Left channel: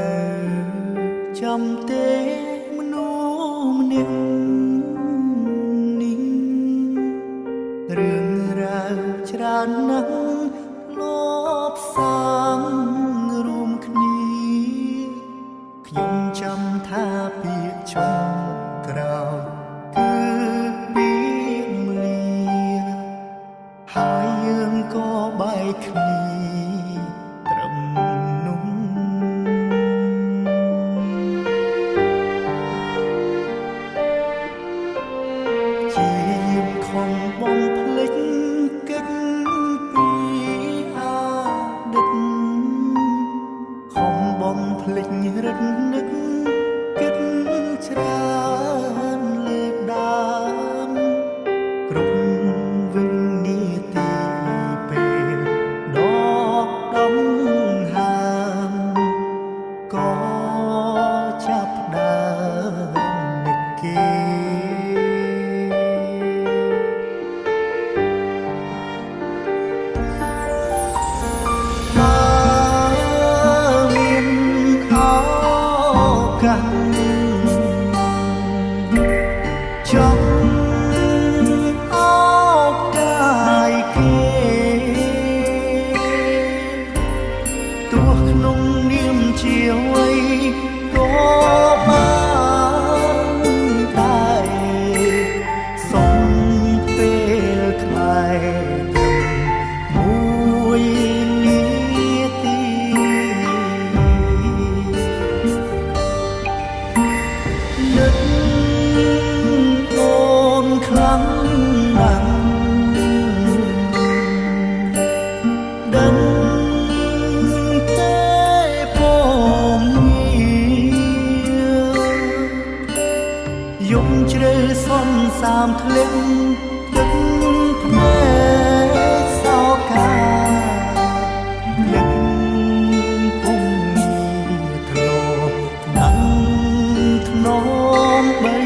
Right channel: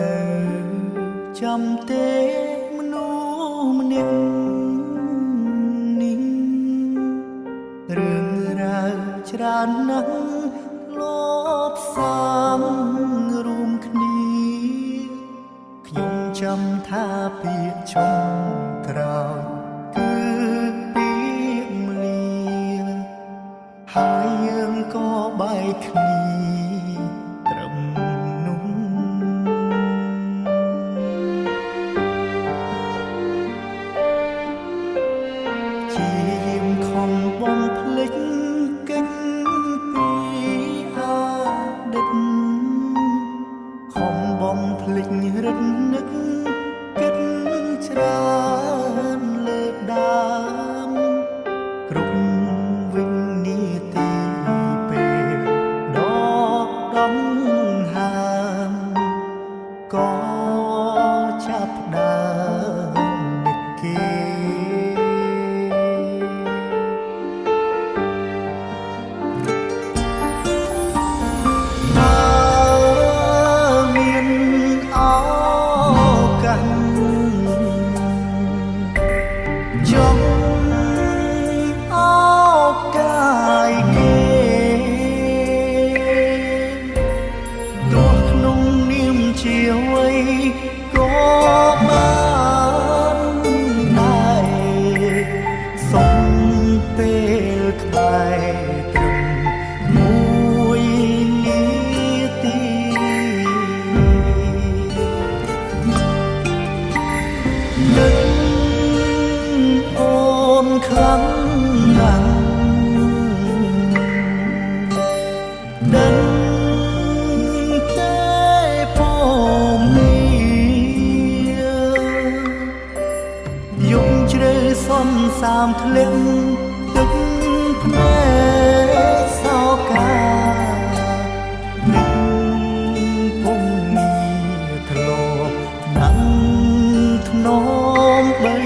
នៅចាំទេមនុស្សម្នាក់នេះរឿងរ៉ាវច្រើនណាស់លបសាងរួមគ្នាខ្ញុំចាំថាពាក្យចុងក្រោយគឺពាក្យលាហើយយើងក៏បែកគ្នាត្រឹមនោះជាយាមខំបំភ្លេចកិច្ចពីអតីតខំបំភ្លេចរឹតនឹកគិតច្រើនលើដើមគ្រប់វិនាទីពេលដកដង្ហើមក៏ចាប់ផ្ដើមនឹកគេចង់អោបកាយគេទោះក្នុងនាមជាអ្វីក៏បានដែរសុំពេលខ្មែរត្រឹមមួយនាទីនឹកអូនខ្លាំងណាស់ដឹងតែពំងារយប់ជ្រៅសន្សាមធ្លាក់ទឹកភ្នែកសោកានឹកពំងារធ្លាប់ដឹងធ្នមបី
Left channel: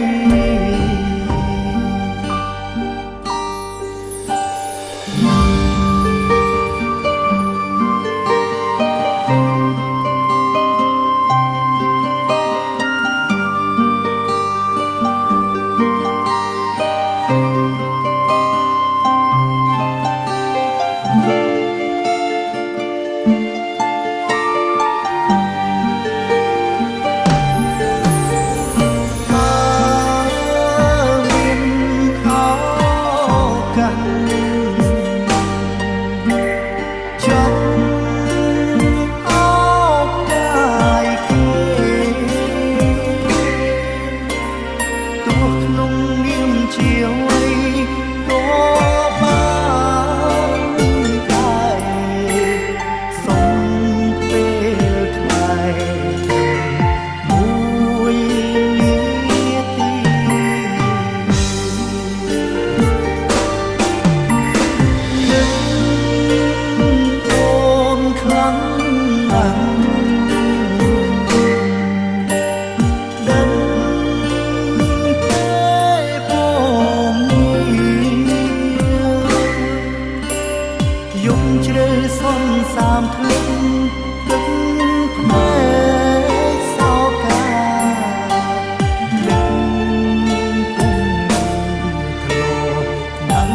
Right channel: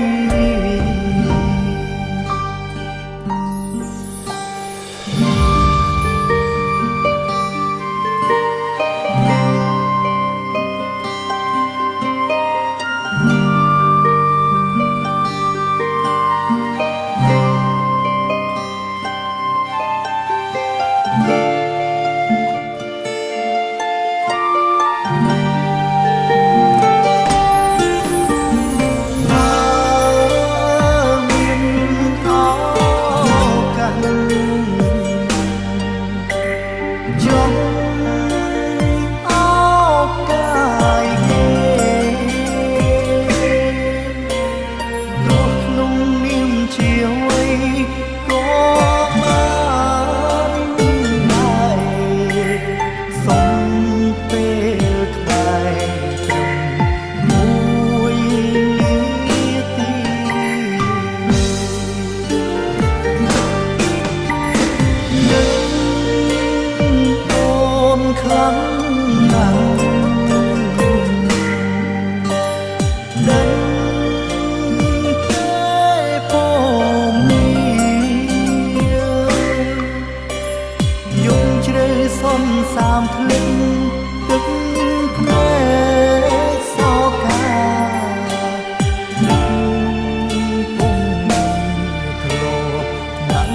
ចង់អោបកាយគេទោះក្នុងនាមជាអ្វីក៏បានដែរសុំពេលខ្មែរត្រឹមមួយនាទីខ្លាំងណាស់ដឹងតែពំងារយប់ជ្រៅសន្សាមធ្លាក់ទឹកភ្នែកសោកានឹកពំងារធ្លាប់ដឹង